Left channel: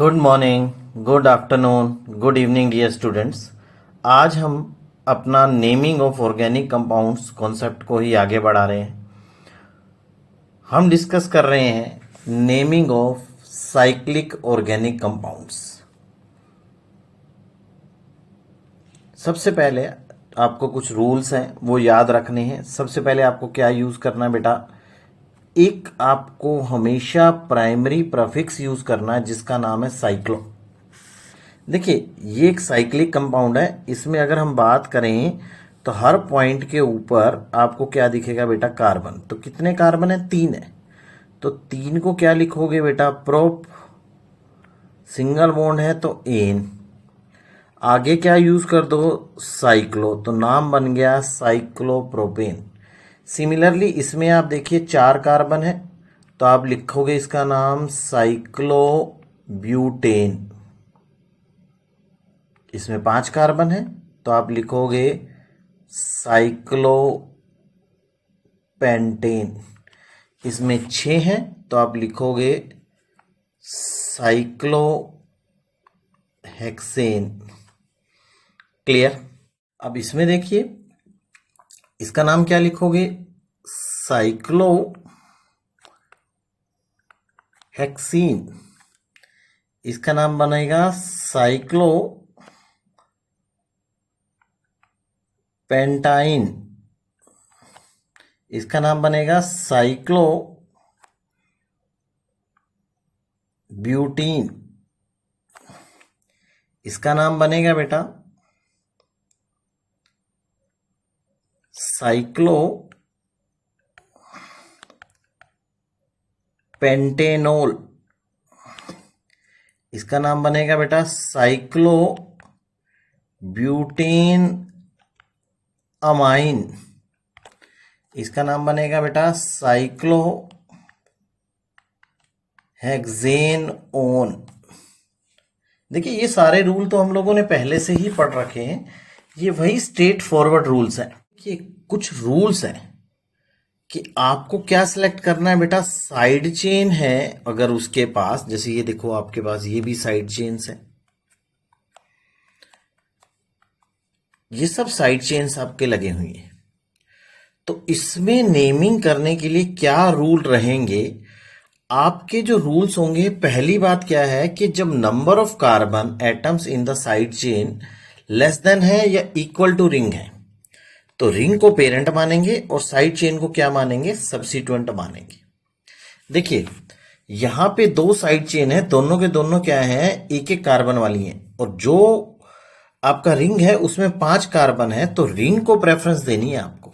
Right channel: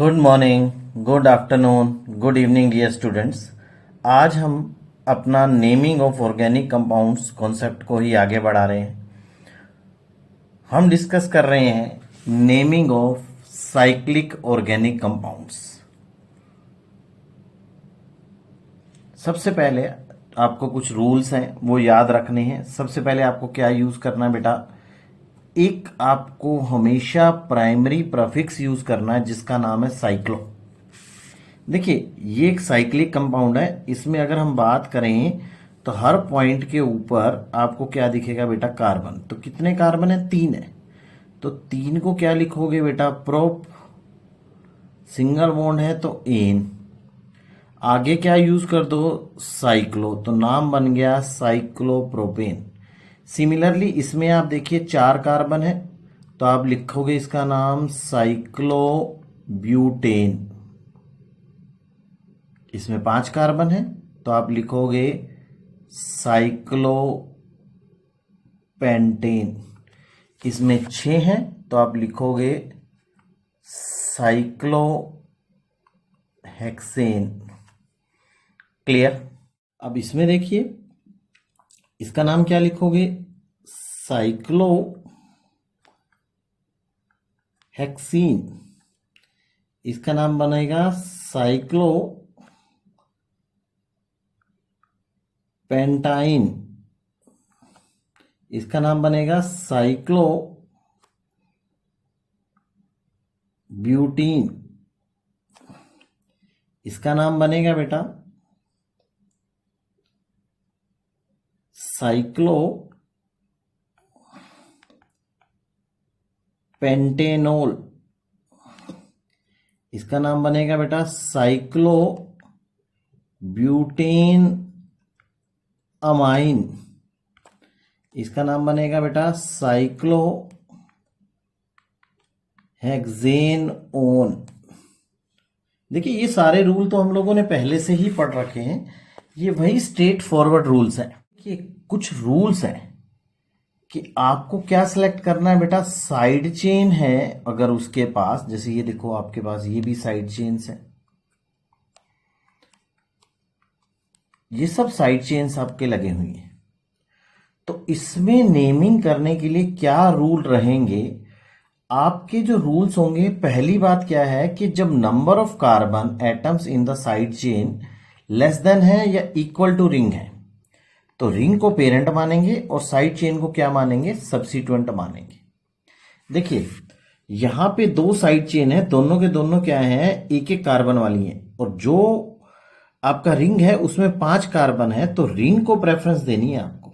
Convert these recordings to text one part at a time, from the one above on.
Good morning, good afternoon, good evening dear students. आज हम अपना naming of organic compounds concept को ही आगे बढ़ा रहे हैं। हम डिस्कस कर रहे हैं naming of cyclic organic compounds. सबसे पहले आपको कुछ रूल्स हैं वो याद रखने हैं। सबसे पहले आपको क्या यूज करना है बेटा, एक आपको हमेशा प्राइमरी प्रीफिक्स यूज करना है जिसका नाम है साइक्लो। देखिए ये एक साइक्लिक कंपाउंड है, इसमें अगर हम बात करें तो हर पॉइंट के ऊपर आपको क्या दिखेगा बेटा, कार्बन। तो कितने कार्बन है, 3 है। तो 3 को क्या लिखोगे बेटा, प्रोप। सिंगल बॉन्ड है तो एन। आगे क्या यूज कर दो, साइक्लो, तो नाम बन गया साइक्लोप्रोपेन। सिमिलरली इसमें आप देखिए 4 कार्बन है तो आप लिखोगे इसका नाम साइक्लोब्यूटेन। इसमें 5 कार्बन है तो आप लिखोगे साइक्लोपेंटेन। इसमें 6 है तो आप लिखोगे साइक्लोहेक्सेन। क्लियर। अब इसमें देखिए इसका नाम क्या लिखोगे, साइक्लोहेक्सीन। इसका नाम बनेगा साइक्लो पेंटाइन। इसका नाम बनेगा साइक्लो ब्यूटीन। इसका नाम बनेगा बेटा साइक्लो पेंटेनोल। इसका नाम बनेगा बेटा साइक्लो ब्यूटेन अमाइन। इसका नाम बनेगा बेटा साइक्लो हेक्सेनोन। देखिए ये सारे रूल तो हम लोगों ने पहले से ही पढ़ रखे हैं, ये वही स्ट्रेट फॉरवर्ड रूल्स हैं। ये कुछ रूल्स हैं कि आपको क्या सिलेक्ट करना है बेटा, साइड चेन है अगर उसके पास, जैसे ये देखो आपके पास ये भी साइड चेन्स है, ये सब साइड चेन्स आपके लगे हुए हैं। तो इसमें नेमिंग करने के लिए क्या रूल रहेंगे, आपके जो रूल्स होंगे, पहली बात क्या है कि जब number of carbon atoms in the side chain less than है या इक्वल टू रिंग है तो रिंग को पेरेंट मानेंगे और साइड चेन को क्या मानेंगे, सब्सिट्यूएंट मानेंगे। देखिए यहां पे 2 साइड चेन है, दोनों के दोनों क्या है, एक एक कार्बन वाली है, और जो आपका रिंग है उसमें 5 कार्बन है तो रिंग को प्रेफरेंस देनी है आपको।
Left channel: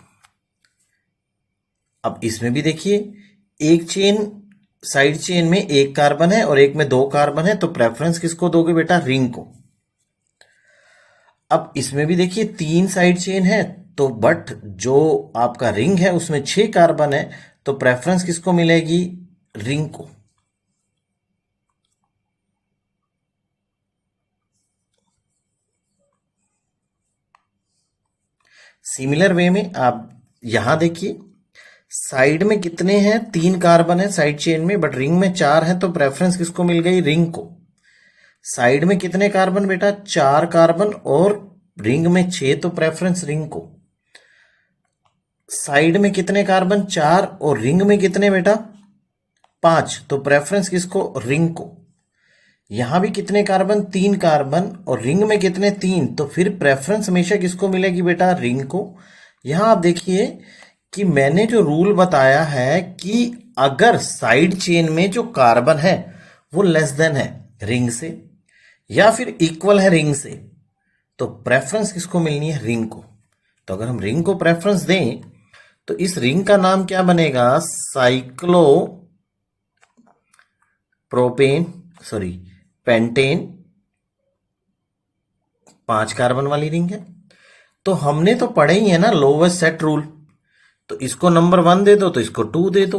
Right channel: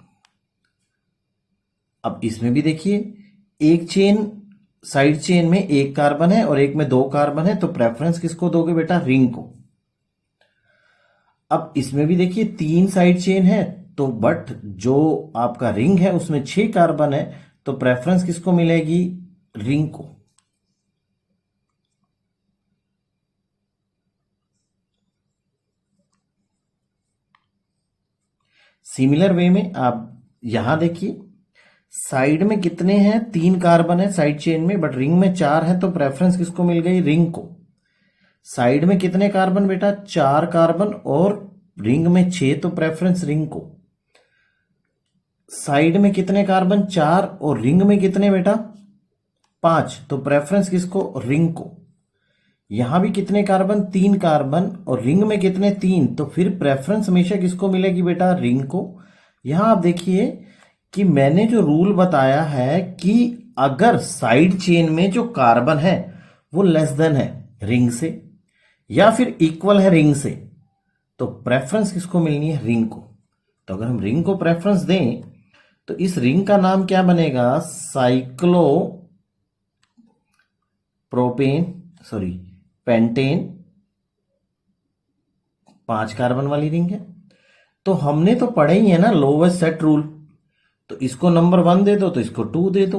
अब इसमें भी देखिए एक चेन, साइड चेन में 1 कार्बन है और एक में 2 कार्बन है तो प्रेफरेंस किसको दोगे बेटा, रिंग को। अब इसमें भी देखिए 3 साइड चेन है तो बट जो आपका रिंग है उसमें 6 कार्बन है तो प्रेफरेंस किसको मिलेगी, रिंग को। सिमिलर वे में आप यहां देखिए साइड में कितने हैं, 3 कार्बन है साइड चेन में, बट रिंग में 4 है तो प्रेफरेंस किसको मिल गई, रिंग को। साइड में कितने कार्बन बेटा, 4 कार्बन और रिंग में 6 तो प्रेफरेंस रिंग को। साइड में कितने कार्बन, 4 और रिंग में कितने बेटा, 5 तो प्रेफरेंस किसको, रिंग को। यहां भी कितने कार्बन, 3 कार्बन और रिंग में कितने, 3 तो फिर प्रेफरेंस हमेशा किसको मिलेगी बेटा, रिंग को। यहां आप देखिए कि मैंने जो रूल बताया है कि अगर साइड चेन में जो कार्बन है वो लेस देन है रिंग से या फिर इक्वल है रिंग से तो प्रेफरेंस किसको मिलनी है, रिंग को। तो अगर हम रिंग को प्रेफरेंस दें तो इस रिंग का नाम क्या बनेगा, cyclo propane, sorry pentane. 5 carbon वाली रिंग है। तो हमने तो पढ़े ही है ना लोवेस्ट सेट रूल, तो इसको नंबर 1 दे दो तो इसको 2 दे दो,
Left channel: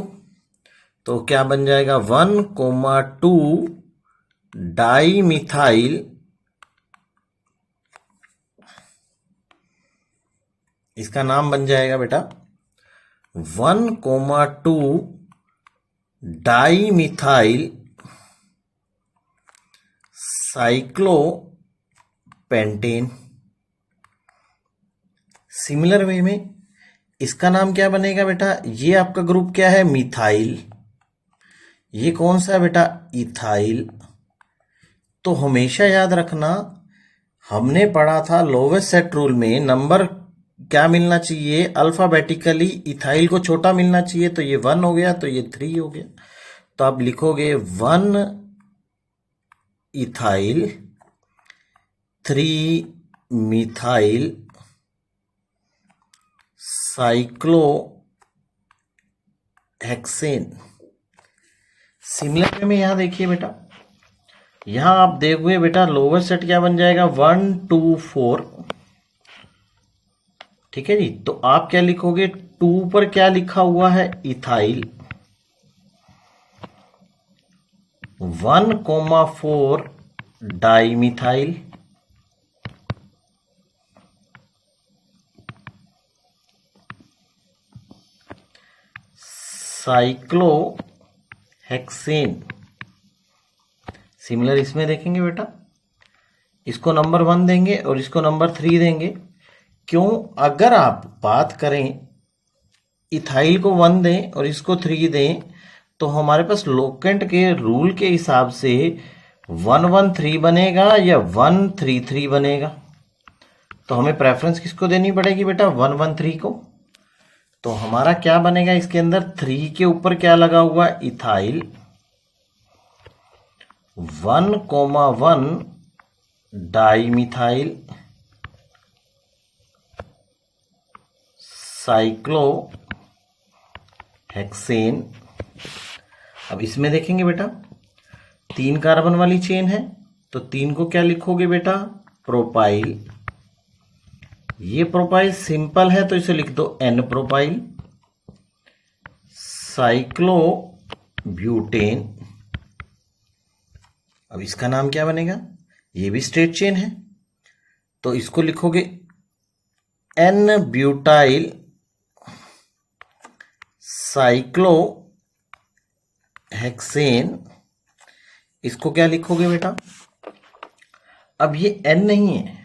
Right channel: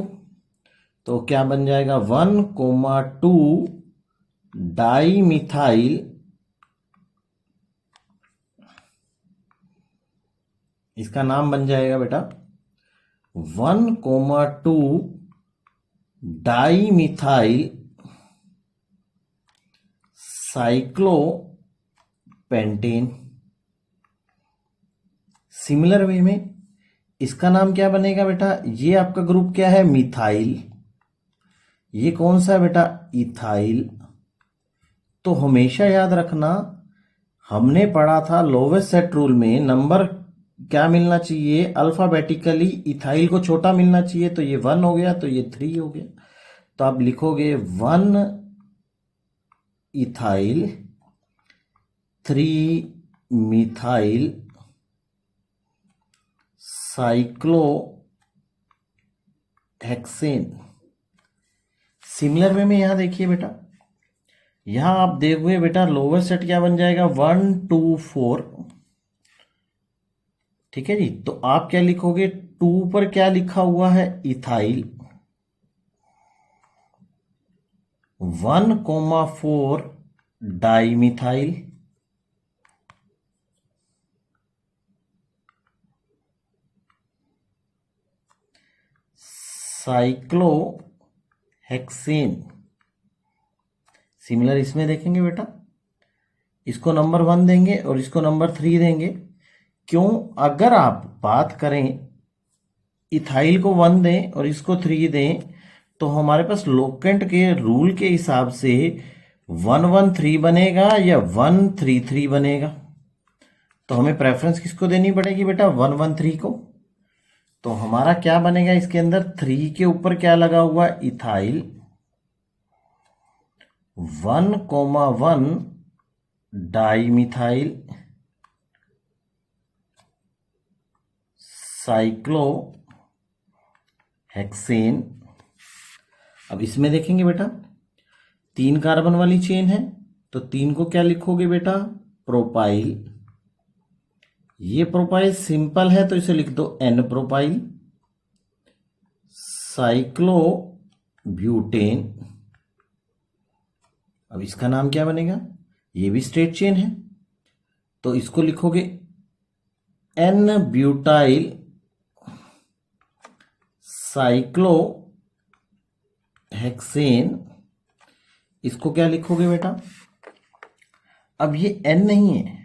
तो क्या बन जाएगा 1,2 डाई मिथाइल। इसका नाम बन जाएगा बेटा 1,2 di methyl cyclopentane. Similar way में इसका नाम क्या बनेगा बेटा, ये आपका ग्रुप क्या है, मिथाइल। ये कौन सा है बेटा, इथाइल। तो हमेशा याद रखना, हमने पढ़ा था लोवेस्ट सेट रूल में नंबर क्या मिलना चाहिए, अल्फाबेटिकली इथाइल को छोटा मिलना चाहिए। तो ये 1 हो गया, तो ये 3 हो गया। तो आप लिखोगे 1 ethyl 3 methyl cyclohexane. Similar way में यहां देखिए बेटा, यहां आप देखोगे बेटा लोवेस्ट सेट क्या बन जाएगा, 1 2 4। ठीक है जी। तो आप क्या लिखोगे, 2 पर क्या लिखा हुआ है, इथाइल। 1,4 डाइमिथाइल। साइक्लोहेक्सेन। सिमिलर इसमें देखेंगे बेटा, इसको नंबर 1 देंगे और इसको नंबर 3 देंगे। क्यों, अगर आप बात करें इथाइल को 1 दें और इसको 3 दें, तो हमारे पास लोकेंट के रूल के हिसाब से 113 बनेगा या 133 बनेगा। तो हमें प्रेफरेंस किसको देनी पड़ेगी बेटा, 113 को। तो हमारा क्या बनेगा, इसके अंदर 3 के ऊपर क्या लगा हुआ, इथाइल। 1,1 dimethyl cyclohexane. अब इसमें देखेंगे बेटा, 3 कार्बन वाली चेन है, तो 3 को क्या लिखोगे बेटा, प्रोपाइल। ये प्रोपाइल सिंपल है तो इसे लिख दो एन प्रोपाइल। साइक्लोब्यूटेन। अब इसका नाम क्या बनेगा, ये भी स्ट्रेट चेन है, तो इसको लिखोगे एन ब्यूटाइल साइक्लोहेक्सेन। इसको क्या लिखोगे बेटा, अब ये एन नहीं है,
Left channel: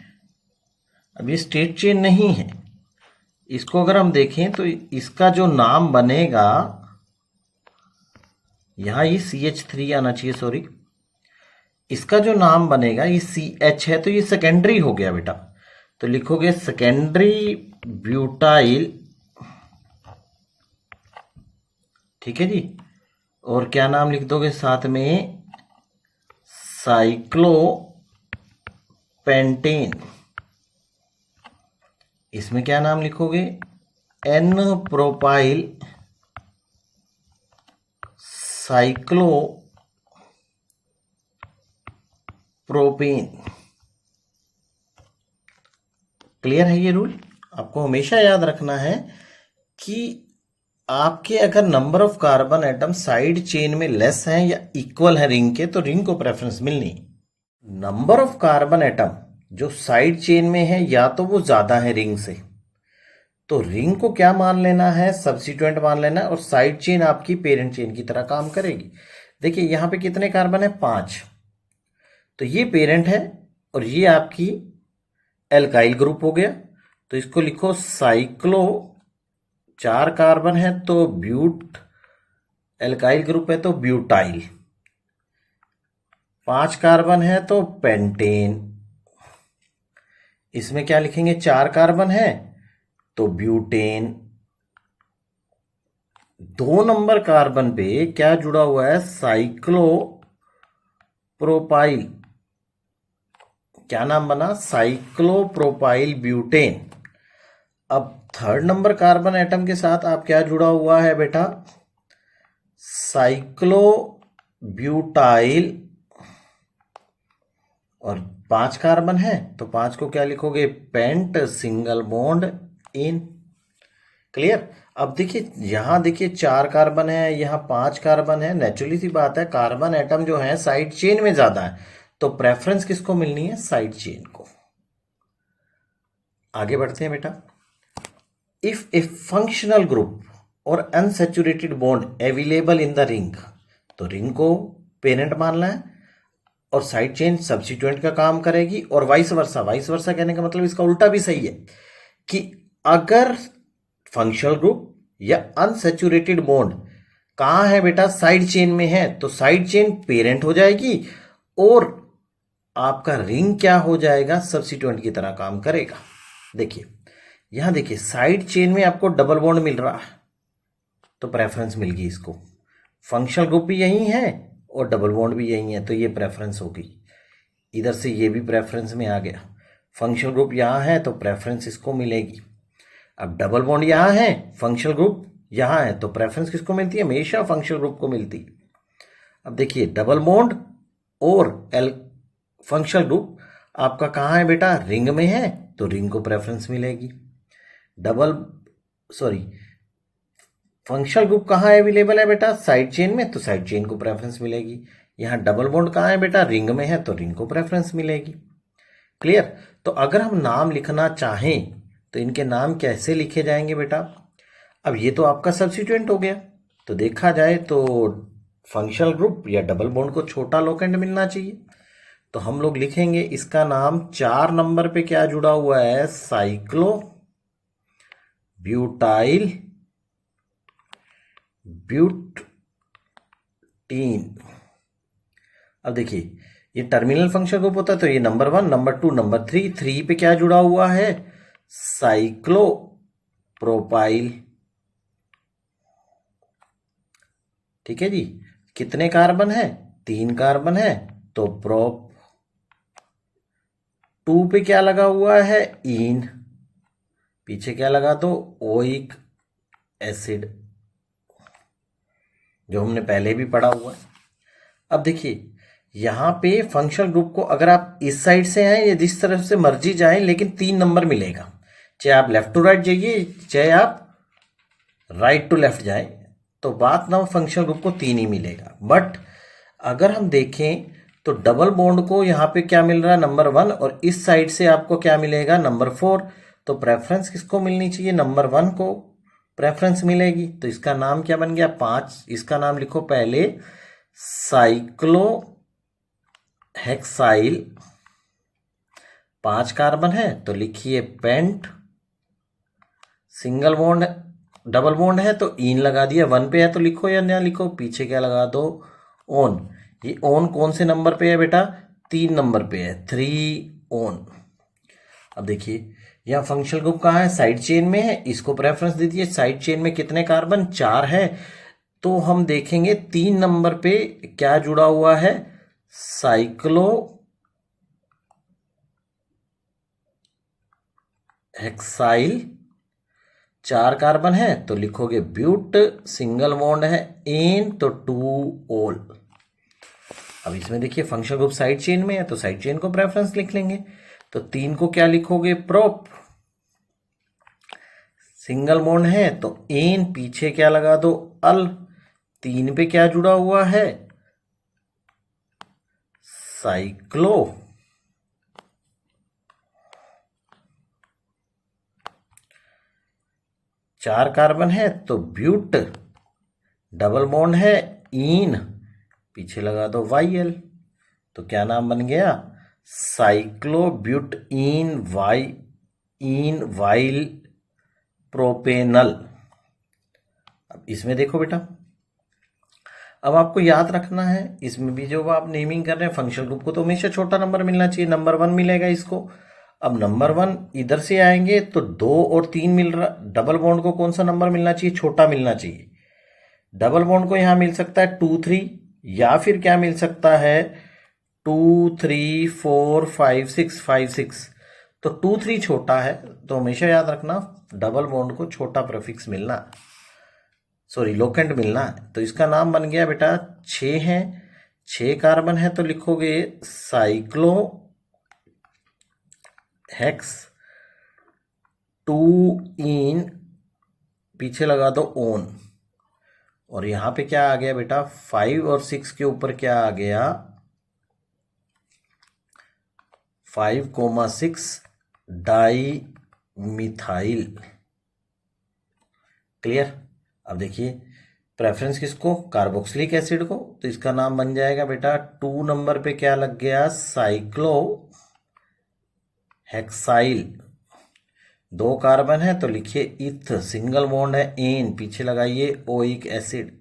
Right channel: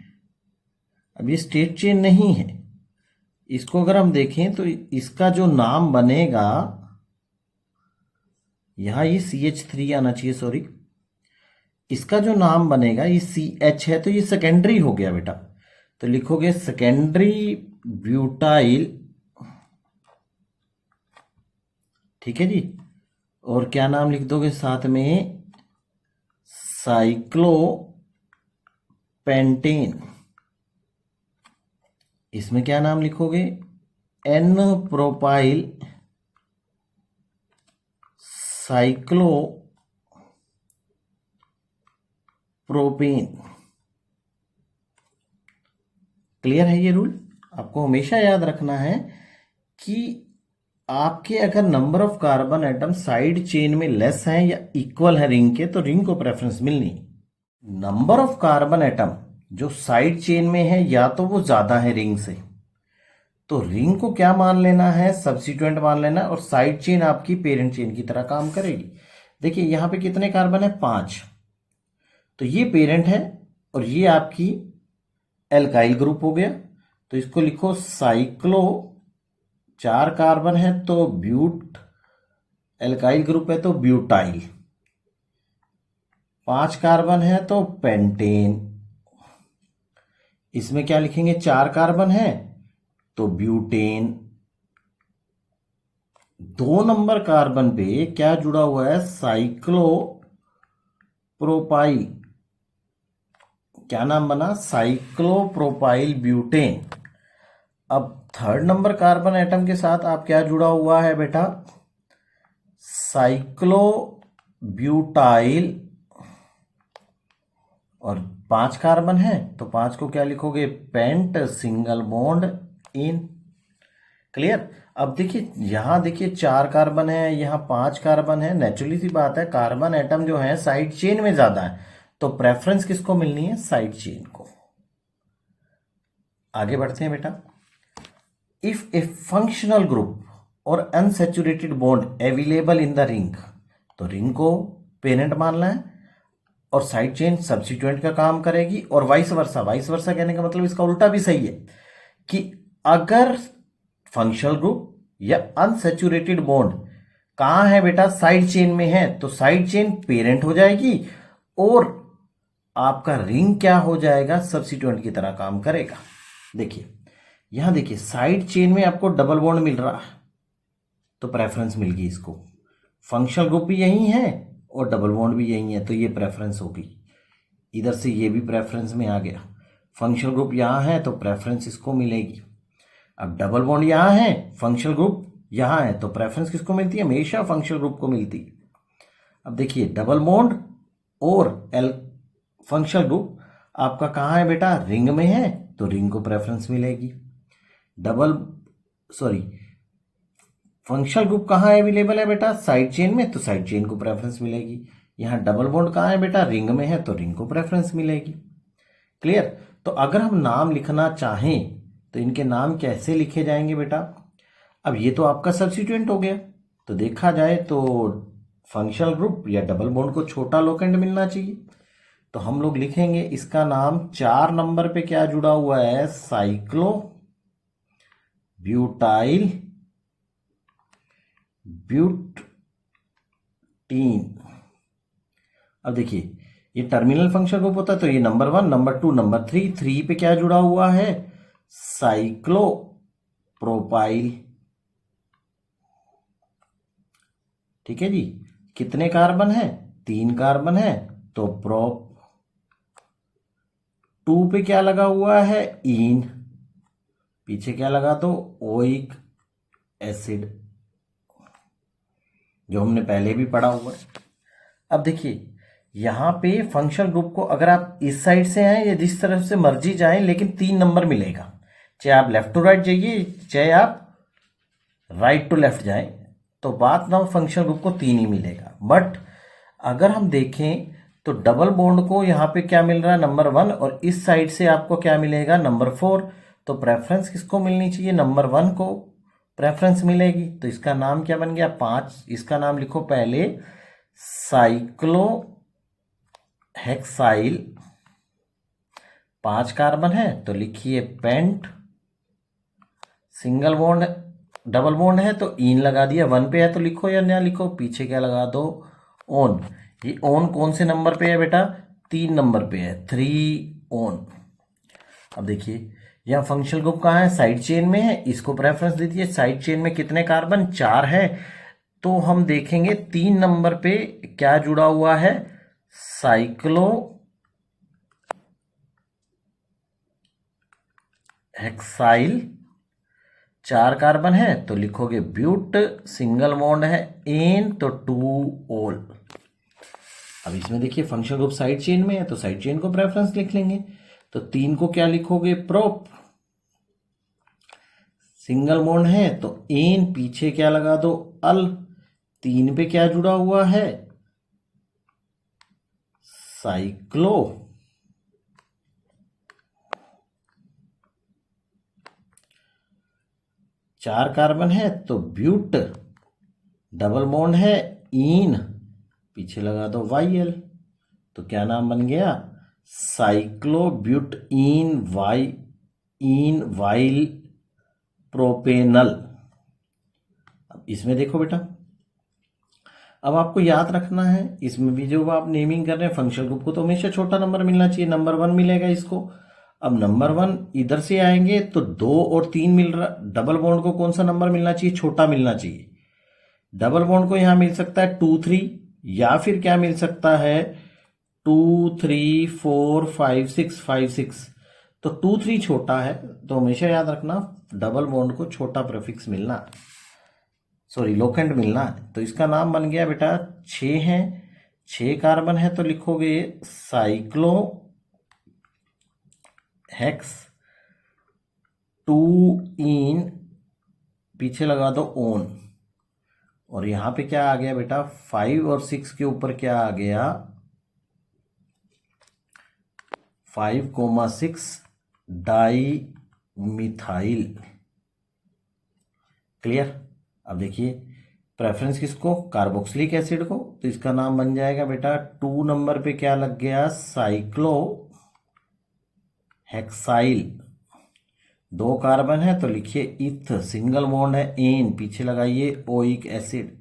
अब ये स्ट्रेट चेन नहीं है। इसको अगर हम देखें तो इसका जो नाम बनेगा, यहां ये CH3 आना चाहिए, सॉरी। इसका जो नाम बनेगा ये CH है, तो ये सेकेंडरी हो गया बेटा। तो लिखोगे सेकेंडरी ब्यूटाइल। ठीक है जी। और क्या नाम लिख दोगे साथ में, साइक्लोपेंटेन। इसमें क्या नाम लिखोगे, एन प्रोपाइल साइक्लोप्रोपेन। क्लियर है ये रूल। आपको हमेशा याद रखना है कि आपके अगर number of carbon atom side chain में लेस है या इक्वल है रिंग के, तो रिंग को प्रेफरेंस मिलनी। नंबर ऑफ कार्बन एटम जो साइड चेन में है, या तो वो ज्यादा है रिंग से, तो रिंग को क्या मान लेना है, सब्स्टिट्यूएंट मान लेना, और साइड चेन आपकी पेरेंट चेन की तरह काम करेगी। देखिए यहां पे कितने कार्बन है, 5। तो ये पेरेंट है और ये आपकी एल्काइल ग्रुप हो गया। तो इसको लिखो साइक्लो, 4 कार्बन है तो ब्यूट, एल्काइल ग्रुप है तो ब्यूटाइल। 5 कार्बन है तो पेंटेन। इसमें क्या लिखेंगे, 4 कार्बन है तो ब्यूटेन। 2 नंबर कार्बन पे क्या जुड़ा हुआ है, साइक्लो प्रोपाइल। क्या नाम बना, साइक्लोप्रोपाइल ब्यूटेन। अब 3rd नंबर कार्बन एटम के साथ आप क्या जुड़ा हुआ है बेटा, साइक्लो ब्यूटाइल। और 5 कार्बन है तो 5 को क्या लिखोगे, pent single bond ene. Clear. अब देखिए यहां देखिए 4 कार्बन है, यहां 5 कार्बन है। नेचुरली सी बात है, कार्बन एटम जो है साइड चेन में ज्यादा है, तो प्रेफरेंस किसको मिलनी है, साइड चेन को। आगे बढ़ते हैं बेटा। इफ ए फंक्शनल ग्रुप और unsaturated bond available in the ring, तो रिंग को पेरेंट मानना है और साइड चेन सब्स्टिट्यूएंट का काम करेगी, और वाइस वर्सा। वाइस वर्सा कहने का मतलब इसका उल्टा भी सही है कि अगर फंक्शनल ग्रुप या अनसैचुरेटेड बॉन्ड कहाँ है बेटा, साइड चेन में है, तो साइड चेन पेरेंट हो जाएगी और आपका रिंग क्या हो जाएगा, सब्स्टिट्यूएंट की तरह काम करेगा। देखिए यहां देखिए साइड चेन में आपको डबल बॉन्ड मिल रहा है तो प्रेफरेंस मिल गई इसको। फंक्शनल ग्रुप भी यही है और डबल बॉन्ड भी यही है, तो ये प्रेफरेंस होगी। इधर से ये भी प्रेफरेंस में आ गया। फंक्शनल ग्रुप यहाँ है तो प्रेफरेंस इसको मिलेगी। अब डबल बॉन्ड यहाँ है, फंक्शनल ग्रुप यहाँ है, तो प्रेफरेंस किसको मिलती है, हमेशा फंक्शनल ग्रुप को मिलती है। अब देखिए डबल बॉन्ड और एल फंक्शनल ग्रुप आपका कहाँ है बेटा, रिंग में है, तो रिंग को प्रेफरेंस मिलेगी। फंक्शनल ग्रुप कहाँ अवेलेबल है बेटा, साइड चेन में, तो साइड चेन को प्रेफरेंस मिलेगी। यहाँ डबल बॉन्ड कहाँ है बेटा, रिंग में है, तो रिंग को प्रेफरेंस मिलेगी। क्लियर। तो अगर हम नाम लिखना चाहें तो इनके नाम कैसे लिखे जाएंगे बेटा। अब ये तो आपका सब्स्टिट्यूएंट हो गया, तो देखा जाए तो फंक्शनल ग्रुप या डबल बॉन्ड को छोटा लोकेंड मिलना चाहिए, तो हम लोग लिखेंगे इसका नाम 4 नंबर पे क्या जुड़ा हुआ है, साइक्लो ब्यूटाइल ब्यूटीन। अब देखिए ये टर्मिनल फंक्शन ग्रुप होता है, तो ये नंबर 1, नंबर 2, नंबर 3, 3 पे क्या जुड़ा हुआ है, साइक्लो प्रोपाइल। ठीक है जी। कितने कार्बन है, 3 कार्बन है, तो प्रोप। 2 पे क्या लगा हुआ है, इन, पीछे क्या लगा दो, ओइक एसिड, जो हमने पहले भी पढ़ा हुआ। अब देखिए यहां पे फंक्शनल ग्रुप को अगर आप इस साइड से आए या जिस तरफ से मर्जी जाएं, लेकिन 3 नंबर मिलेगा, चाहे आप लेफ्ट टू राइट जाइए चाहे आप राइट टू लेफ्ट जाएं, तो बात ना फंक्शनल ग्रुप को 3 ही मिलेगा। बट अगर हम देखें तो डबल बॉन्ड को यहाँ पे क्या मिल रहा है, नंबर 1, और इस साइड से आपको क्या मिलेगा, नंबर 4, तो प्रेफरेंस किसको मिलनी चाहिए, नंबर 1 को प्रेफरेंस मिलेगी। तो इसका नाम क्या बन गया, 5। इसका नाम लिखो पहले साइक्लो हेक्साइल, 5 कार्बन है, तो लिखिए pent. Single bond double bond है तो इन लगा दिया, 1 पे है तो लिखो या ना लिखो, पीछे क्या लगा दो, ओन। ये ओन कौन से नंबर पे है बेटा, 3 नंबर पे है, 3 ओन। अब देखिए यहाँ फंक्शनल ग्रुप कहाँ है, साइड चेन में है, इसको प्रेफरेंस दे दीजिए। साइड चेन में कितने कार्बन, 4 है, तो हम देखेंगे 3 नंबर पे क्या जुड़ा हुआ है, साइक्लो हेक्साइल, 4 कार्बन है, तो लिखोगे ब्यूट। सिंगल बॉन्ड है एन, तो 2 ओल। अब इसमें देखिए फंक्शनल ग्रुप साइड चेन में है, तो साइड चेन को प्रेफरेंस लिख लेंगे। तो 3 को क्या लिखोगे, प्रोप। सिंगल बॉन्ड है तो एन, पीछे क्या लगा दो, अल। 3 पे क्या जुड़ा हुआ है, साइक्लो। 4 कार्बन है तो ब्यूट। डबल बॉन्ड है इन, पीछे लगा दो वाई, तो क्या नाम बन गया, साइक्लोब्यूट इन वाइल प्रोपेनल। अब इसमें देखो बेटा, अब आपको याद रखना है, इसमें भी जो आप नेमिंग कर रहे हैं फंक्शनल ग्रुप को, तो हमेशा छोटा नंबर मिलना चाहिए, नंबर 1 मिलेगा इसको। अब नंबर 1 इधर से आएंगे तो 2 और 3 मिल रहा, डबल बॉन्ड को कौन सा नंबर मिलना चाहिए, छोटा मिलना चाहिए। डबल बॉन्ड को यहां मिल सकता है 2 3, या फिर क्या मिल सकता है 2 3 4 5 6 5 6, तो 2 3 छोटा है, तो हमेशा याद रखना डबल बॉन्ड को छोटा प्रीफिक्स मिलना, सॉरी लोकेंड मिलना। तो इसका नाम बन गया बेटा 6 है, 6 कार्बन है, तो लिखोगे साइक्लो हेक्स 2 इन, पीछे लगा दो ओन, और यहां पे क्या आ गया बेटा, 5 और 6 के ऊपर क्या आ गया, 5,6 डाई मिथाइल। क्लियर। अब देखिए प्रेफरेंस किसको? कार्बोक्सिलिक एसिड को। तो इसका नाम बन जाएगा बेटा 2 नंबर पे क्या लग गया? Cyclo hexyl. 2 कार्बन है तो लिखिए इथ, सिंगल बॉन्ड है एन, पीछे लगाइए ओइक एसिड।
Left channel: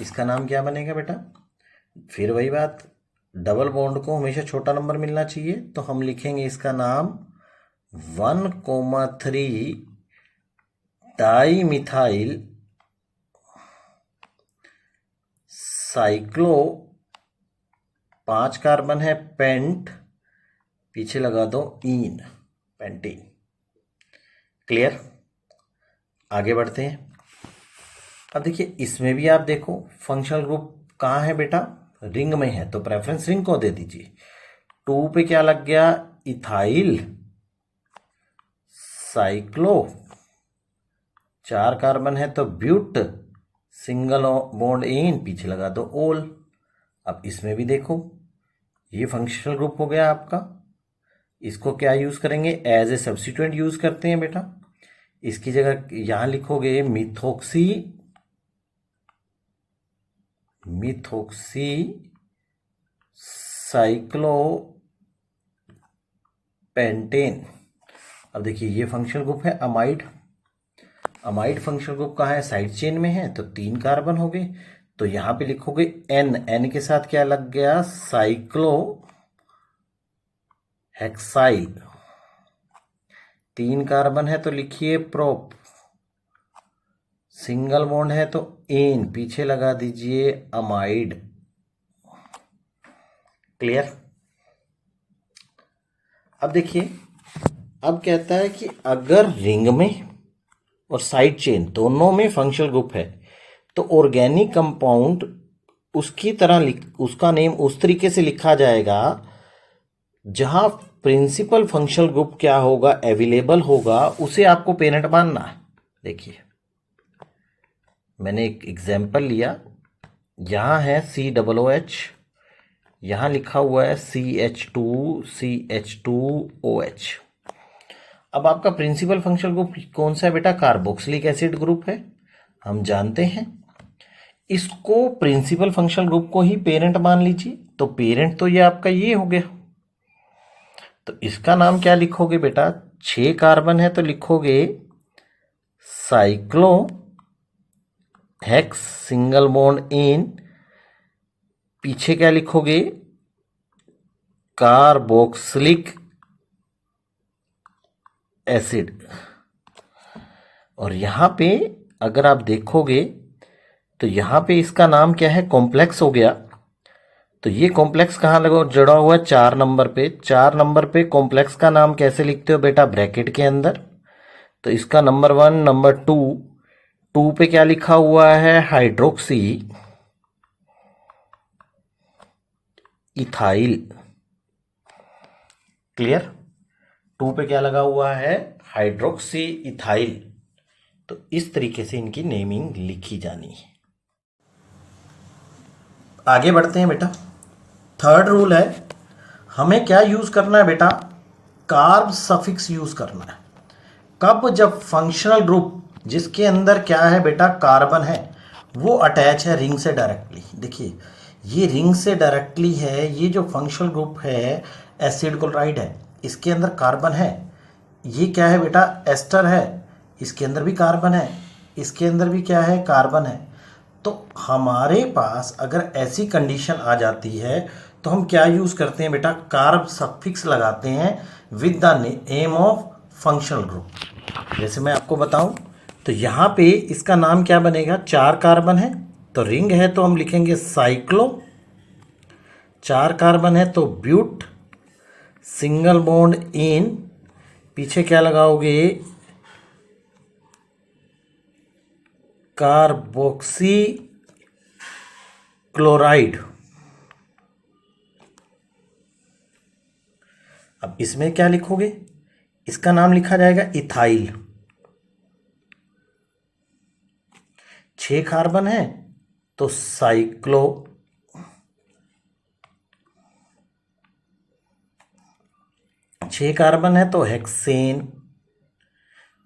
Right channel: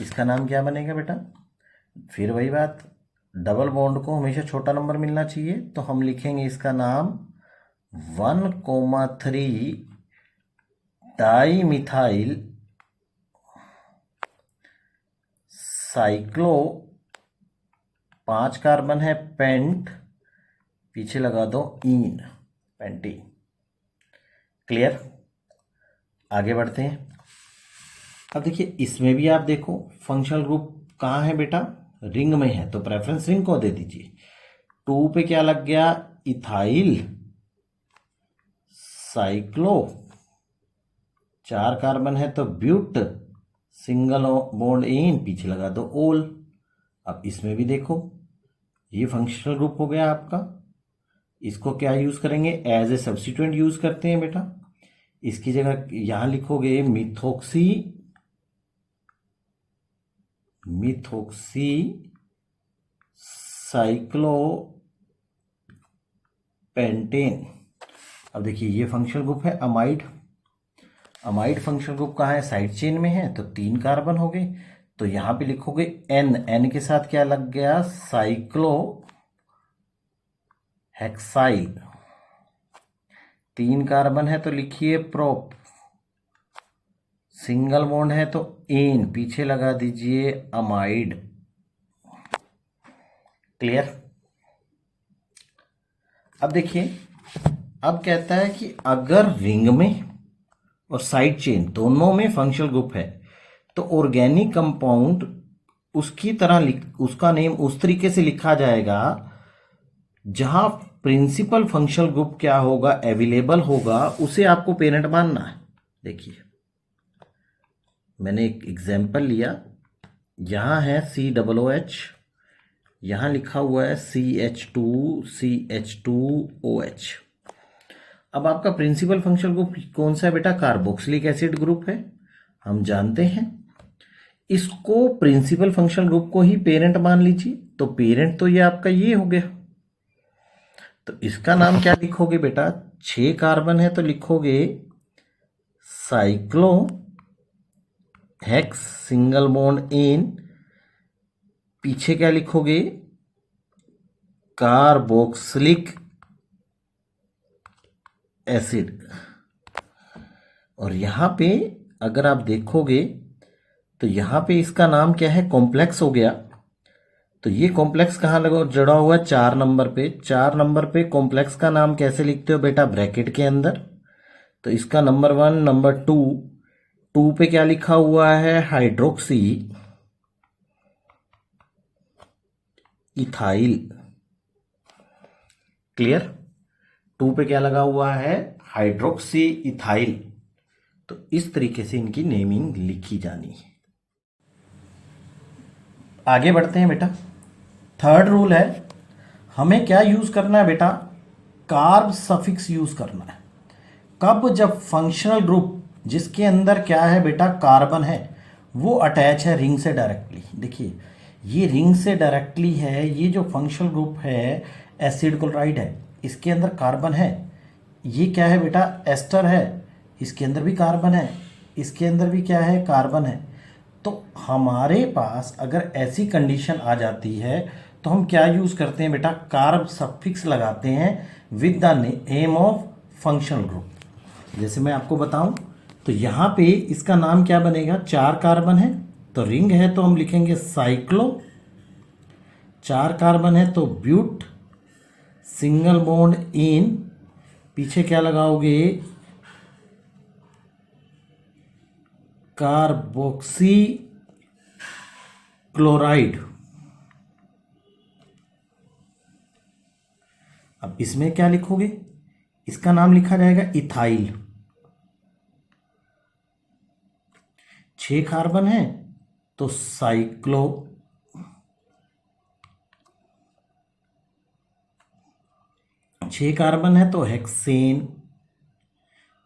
इसका नाम क्या बनेगा बेटा? फिर वही बात, डबल बॉन्ड को हमेशा छोटा नंबर मिलना चाहिए, तो हम लिखेंगे इसका नाम 1,3 डाई मिथाइल साइक्लो, 5 कार्बन है पेंट, पीछे लगा दो इन, पेंटीन। क्लियर? आगे बढ़ते हैं। अब देखिए इसमें भी आप देखो फंक्शनल ग्रुप कहाँ है बेटा? रिंग में है, तो प्रेफरेंस रिंग को दे दीजिए। 2 पे क्या लग गया? इथाइल साइक्लो, 4 कार्बन है तो ब्यूट, सिंगल बॉन्ड इन, पीछे लगा दो ओल। अब इसमें भी देखो ये फंक्शनल ग्रुप हो गया आपका। इसको क्या यूज करेंगे? एज ए सब्स्टिट्यूएंट यूज करते हैं बेटा। इसकी जगह यहां लिखोगे मिथोक्सी, मिथोक्सी साइक्लो पेंटेन। अब देखिए ये फंक्शनल ग्रुप है अमाइड। अमाइड फंक्शनल ग्रुप कहाँ है? साइड चेन में है, तो 3 कार्बन हो गए। तो यहां पे लिखोगे एन, एन के साथ क्या लग गया? Cyclo hexyl. 3 कार्बन है तो लिखिए प्रोप, सिंगल बॉन्ड है तो एन, पीछे लगा दीजिए अमाइड। क्लियर? अब देखिए, अब कहता है कि अगर रिंग में और साइड चेन दोनों में फंक्शनल ग्रुप है तो ऑर्गेनिक कंपाउंड उसकी तरह उसका नेम उस तरीके से लिखा जाएगा जहां प्रिंसिपल फंक्शनल ग्रुप क्या होगा? अवेलेबल होगा, उसे आपको पेरेंट मानना है। देखिए मैंने एक एग्जांपल लिया, यहां है COOH, यहां लिखा हुआ है CH2CH2OH। अब आपका प्रिंसिपल फंक्शनल ग्रुप कौन सा है बेटा? कार्बोक्सिलिक एसिड ग्रुप है, हम जानते हैं। इसको प्रिंसिपल फंक्शनल ग्रुप को ही पेरेंट मान लीजिए, तो पेरेंट तो ये आपका ये हो गया। तो इसका नाम क्या लिखोगे बेटा? 6 कार्बन है तो लिखोगे साइक्लो हेक्स, सिंगल बॉन्ड इन, पीछे क्या लिखोगे? Carboxylic acid. और यहां पे अगर आप देखोगे तो यहां पे इसका नाम क्या है? कॉम्प्लेक्स हो गया। तो ये कॉम्प्लेक्स कहाँ लगा जुड़ा हुआ है? 4 नंबर पे। 4 नंबर पे कॉम्प्लेक्स का नाम कैसे लिखते हो बेटा? ब्रैकेट के अंदर। तो इसका नंबर 1, नंबर 2, 2 पे क्या लिखा हुआ है? Hydroxy ethyl. क्लियर? 2 पे क्या लगा हुआ है? Hydroxy ethyl. तो इस तरीके से इनकी नेमिंग लिखी जानी है। आगे बढ़ते हैं बेटा। थर्ड रूल है, हमें क्या यूज करना है बेटा? कार्ब सफिक्स यूज करना है। कब? जब फंक्शनल ग्रुप जिसके अंदर क्या है बेटा? कार्बन है, वो अटैच है रिंग से डायरेक्टली। देखिए ये रिंग से डायरेक्टली है, ये जो फंक्शनल ग्रुप है एसिड क्लोराइड है, इसके अंदर कार्बन है। ये क्या है बेटा? एस्टर है, इसके अंदर भी कार्बन है, इसके अंदर भी क्या है? कार्बन है। तो हमारे पास अगर ऐसी कंडीशन आ जाती है तो हम क्या यूज करते हैं बेटा? कार्ब सफिक्स लगाते हैं with the name of functional group. जैसे मैं आपको बताऊं तो यहां पे इसका नाम क्या बनेगा? 4 कार्बन है तो रिंग है तो हम लिखेंगे साइक्लो, 4 कार्बन है तो ब्यूट, सिंगल बॉन्ड इन, पीछे क्या लगाओगे? Carboxy chloride. अब इसमें क्या लिखोगे? इसका नाम लिखा जाएगा इथाइल। 6 कार्बन है तो साइक्लो, 6 कार्बन है तो हेक्सेन,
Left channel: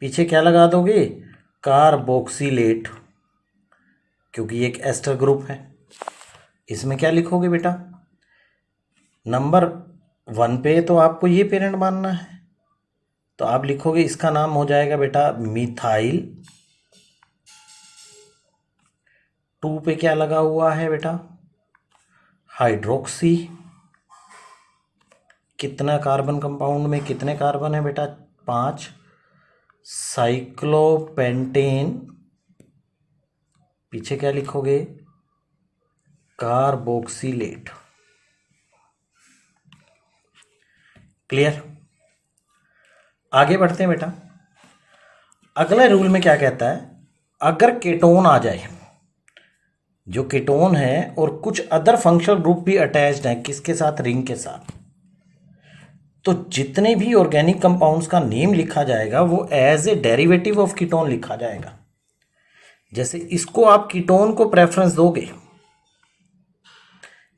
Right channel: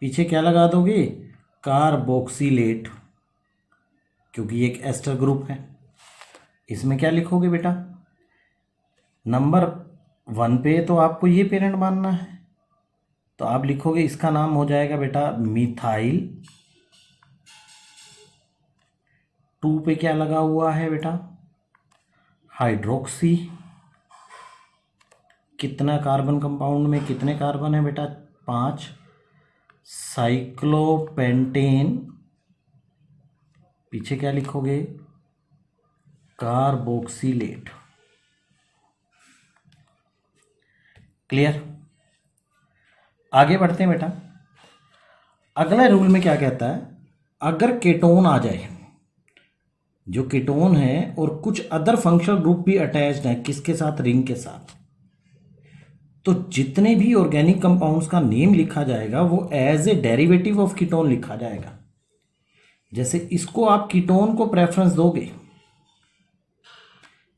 पीछे क्या लगा दोगे? कार्बोक्सिलेट। क्योंकि ये एक एस्टर ग्रुप है। इसमें क्या लिखोगे बेटा, नंबर 1 पे तो आपको ये पेरेंट मानना है, तो आप लिखोगे इसका नाम हो जाएगा बेटा मिथाइल। 2 पे क्या लगा हुआ है बेटा, हाइड्रोक्सी। कितना कार्बन कंपाउंड में कितने कार्बन है बेटा, 5। साइक्लोपेंटेन, पीछे क्या लिखोगे, कार्बोक्सिलेट। क्लियर। आगे बढ़ते हैं बेटा। अगला रूल में क्या कहता है, अगर कीटोन आ जाए, जो कीटोन है और कुछ अदर फंक्शनल ग्रुप भी अटैच्ड है, किसके साथ, रिंग के साथ, तो जितने भी ऑर्गेनिक कंपाउंड्स का नेम लिखा जाएगा वो as a derivative of ketone लिखा जाएगा। जैसे इसको आप कीटोन को प्रेफरेंस दोगे,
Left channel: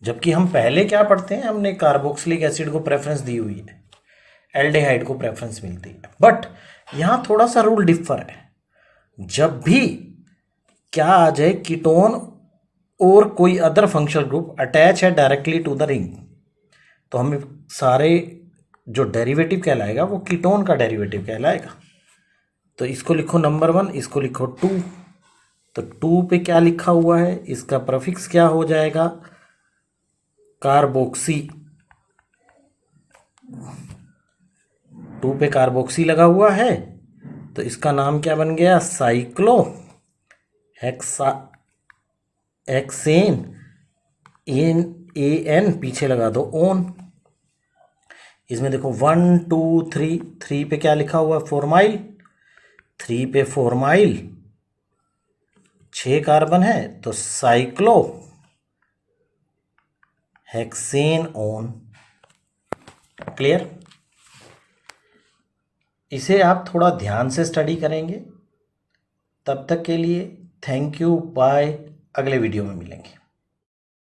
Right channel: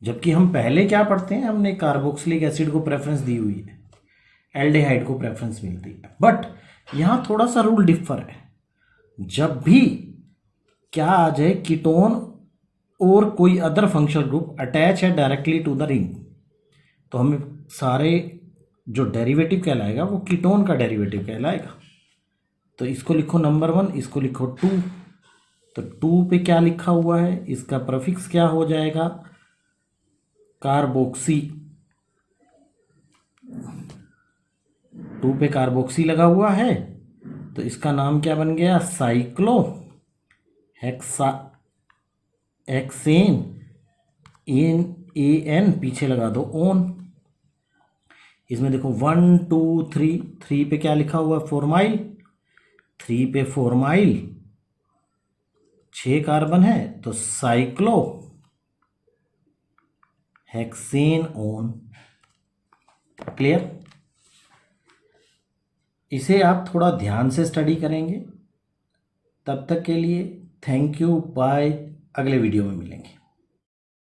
जबकि हम पहले क्या पढ़ते हैं, हमने कार्बोक्सिलिक एसिड को प्रेफरेंस दी हुई है, एल्डिहाइड को प्रेफरेंस मिलती है। बट यहां थोड़ा सा रूल डिफर है। जब भी क्या आ जाए, कीटोन और कोई अदर फंक्शनल ग्रुप अटैच है डायरेक्टली टू द रिंग, तो हमें सारे जो डेरिवेटिव कहलाएगा वो कीटोन का डेरिवेटिव कहलाएगा। तो इसको लिखो नंबर 1, इसको लिखो 2। तो 2 पे क्या लिखा हुआ है, इसका प्रीफिक्स क्या हो जाएगा, कार्बोक्सी। 2 पे कार्बोक्सी लगा हुआ है, तो इसका नाम क्या बन गया, साइक्लो हेक्सा हेक्सेन। एन पीछे लगा दो ओन। इसमें देखो 1 2 3, 3 पे क्या लिखा हुआ है, फॉर्माइल। 3 पे फॉर्माइल, 6 कार्बन है, तो साइक्लो हेक्सेन ओन। क्लियर। इसे आप थोड़ा ध्यान से स्टडी करेंगे। तब तक के लिए थैंक यू, बाय। अगले वीडियो में मिलेंगे।